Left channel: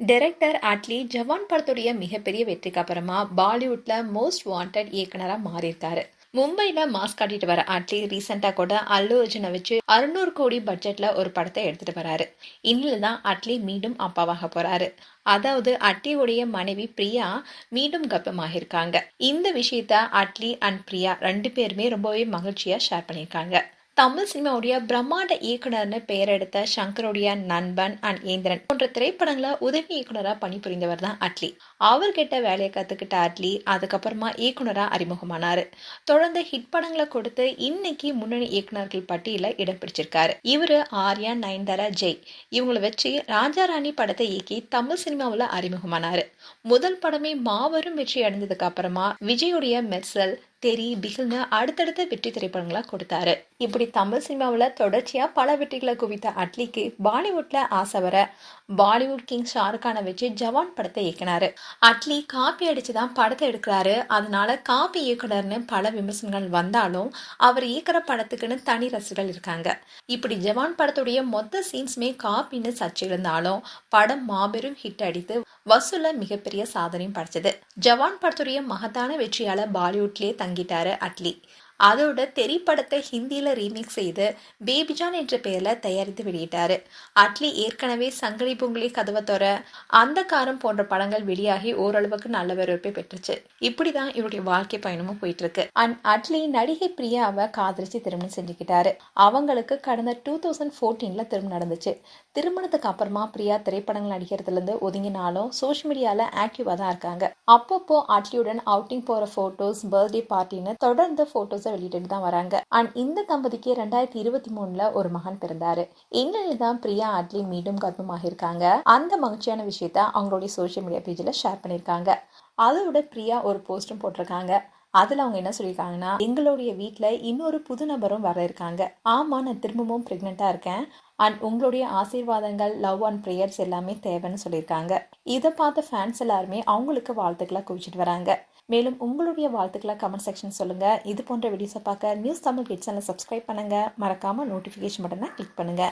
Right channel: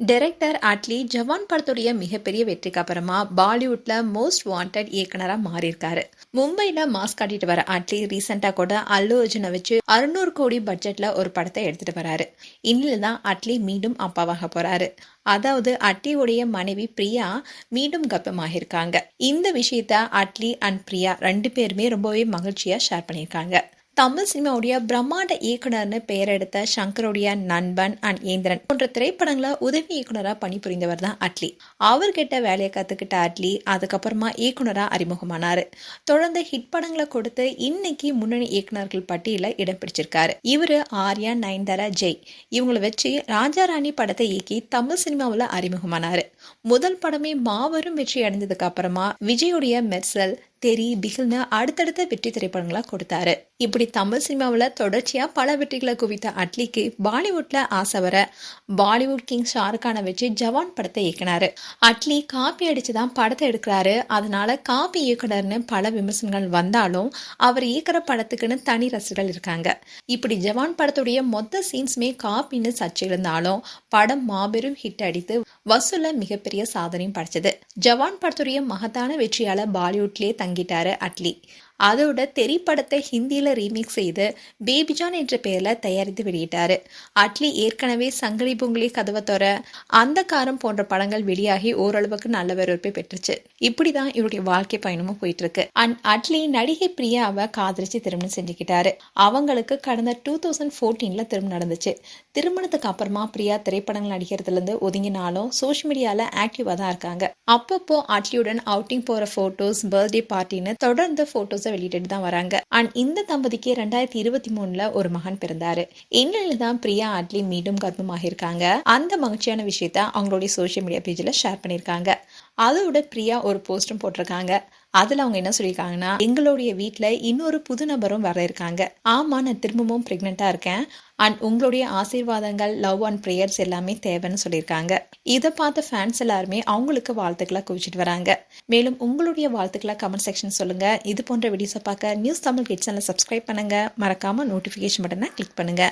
Director Atlee ஜவான் படத்துடைய மிகப்பெரிய வெற்றிக்கு அப்புறமா பாலிவுட்ல மோஸ்ட் வாண்டட் இயக்குனரா மாறியிருக்காரு. மும்பைல மாஸ் காட்டிட்டு வர அட்லி ரீசெண்டா கூட அல்லு அர்ஜுனை வச்சு 600 கோடி பட்ஜெட்ல ஒரு படத்தை எடுத்துட்டு வராரு. இன்னில் தான் அட்லி மீண்டும் அப்பாவாக போறாரு. அதாவது அட்லியுடைய மனைவி பிரியா மீண்டும் கர்ப்பமாகியிருக்காங்க. இந்த விஷயத்த அட்லி அண்ட் பிரியா 2 பேருமே ரொம்பவே மகிழ்ச்சியா ஷேர் பண்ணியிருக்காங்க. தமிழ் சினிமாவுடைய பிரம்மாண்ட இயக்குனர்னு பெயர் எடுத்த சங்கருடைய நண்பன் அண்ட் ஏந்திரன் போன்ற திரைப்படங்கள உதவி இயக்குனராக பணிபுரிந்தவர் தான் அட்லி. அவர்கிட்ட வேலையை கத்துக்கிட்ட அட்லி அதுக்கப்புறமா இயக்குனரா அறிமுகமானாரு. தொடர்ந்து ஹிட் படங்களை கொடுத்து இன்னைக்கு முன்னணி இயக்குனர்கள் பட்டியல இடம் பிடிச்சிருக்காரு. இவரு ஆர்யா, நயன்தாரா, ஜெய் இவங்களை வச்சு ராஜா ராணி படத்தை இயக்கி தமிழ் சினிமாவில் அறிமுகமானாரு. முதல் படமே மாபெரும் வெற்றி அடைந்ததுக்கு அப்புறமா விஜயுடைய மெர்சல், தெரி, பிகில்னு அடுத்தடுத்த வெற்றி திரைப்படங்களா கொடுத்தாரு. இப்படி தமிழ் சினிமாவில் தொடர்ச்சியா பல வெற்றிகளை குவித்த அட்லிக்கு பாலிவுட்ல ஆசை வர பாலிவுட் கிங் ஷாருக்கானை வச்சு ஜவான் படத்தை இயக்கினாரு. அட்லி காப்பி அடிச்சுதான் படத்தை எடுக்கிறாரு. அதனால காப்பி இயக்குனர்னு பல விமர்சனங்கள் வந்தாலும் அவர் இயக்குற படத்துக்குன்னு தனி ரசிகர்கள் இருக்காங்க. இப்படி ஜவான் படத்துடைய மொத்த சீன்ஸுமே காப்பின்னு சர்ச்சை இருந்தாலும் படம் மாபெரும் ஹிட் அடித்து வசூல மிகப்பெரிய சாதனையும் படைச்சது. ஜவான் படத்துடைய மகத்தான வெற்றியால பாலிவுட்லயே தங்கிட்டாரு அட்லி. அதோட தெரி படத்தை ஹிந்தியில ரீமேக் செய்து பேபிஜான் என்ற பெயர்ல தயாரித்து வெளியிட்டாரு. அட்லி ஏற்கனவே சங்கடி பொங்கலி, கதவை தொற, அந்த காரம் போன்ற படங்கள் வெளியாகி ஓரளவுக்கு நல்ல வரவேற்பை பெற்றுச்சு. இப்படிதான் இவருடைய வாழ்க்கை பயணமும் போயிட்டு இருக்கு. அண்ட் அட்லி நடிகை பிரியாவை காதலிச்சு திருமணம் செஞ்சுக்கிட்டாரு. அவங்களுக்கு கடந்த 2014 திருமணம் நடந்துச்சு. திருமணத்துக்கு அப்புறமா பிரியா திரைப்படங்கள் நடிக்கிறதுல இருந்து ஒதுங்கினாலும் சோஷியல் மீடியால ஆக்டிவா தான் இருக்காங்க. அப்பப்போ அட்லியுடன் அவுட்டிங் போற போட்டோஸ், பர்த்டே பார்ட்டின்னு தொடர்ந்து போட்டோஸ் வெளியிட்டு தான் வராங்க. அண்ட் இந்த தம்பதிக்கு 2023 ஒரு மகன் பிறந்தாரு. இந்நிலையில தான் பிரியா அட்லி மீண்டும் கர்ப்பமாகியிருக்காங்க. அந்த மகிழ்ச்சியான விஷயத்த அவங்களுடைய சோஷியல் மீடியா பேஜ்ல ஷேர் பண்ணியிருக்காங்க. அதோட பிரியா ஒரு போஸ்டும் போட்டிருக்காங்க. அதுல அவங்க என்ன சொல்லியிருக்காங்கன்னா, எங்களுடைய வீட்டுல இன்னொரு புது நபரும் வர இருக்காங்க. ஆமா, நான் திரும்பவும் பிரெக்னெண்டா இருக்கேன். அண்ட் உங்களுடைய ஆசீர்வாதங்கள், லவ் அண்ட் ப்ரேயர்ஸ் எல்லாமே தேவைன்னு சொல்லியிருக்காங்க. இதை பார்த்த ஃபேன்ஸ் எல்லாருமே அவங்களுக்கு வாழ்த்துக்களை குவிச்சிட்டு வராங்க. மேலும் உங்களுடைய வாழ்த்துக்களை கமெண்ட் செக்ஷன் சொல்லுங்க. இது போன்ற வீடியோஸை பார்க்க நியூஸ் தமிழ் கிட்ஸ் சேனலை சப்ஸ்கிரைப் பண்ணுங்க. மறக்காம நோட்டிஃபிகேஷன் பட்டனை கிளிக் பண்ணுங்க.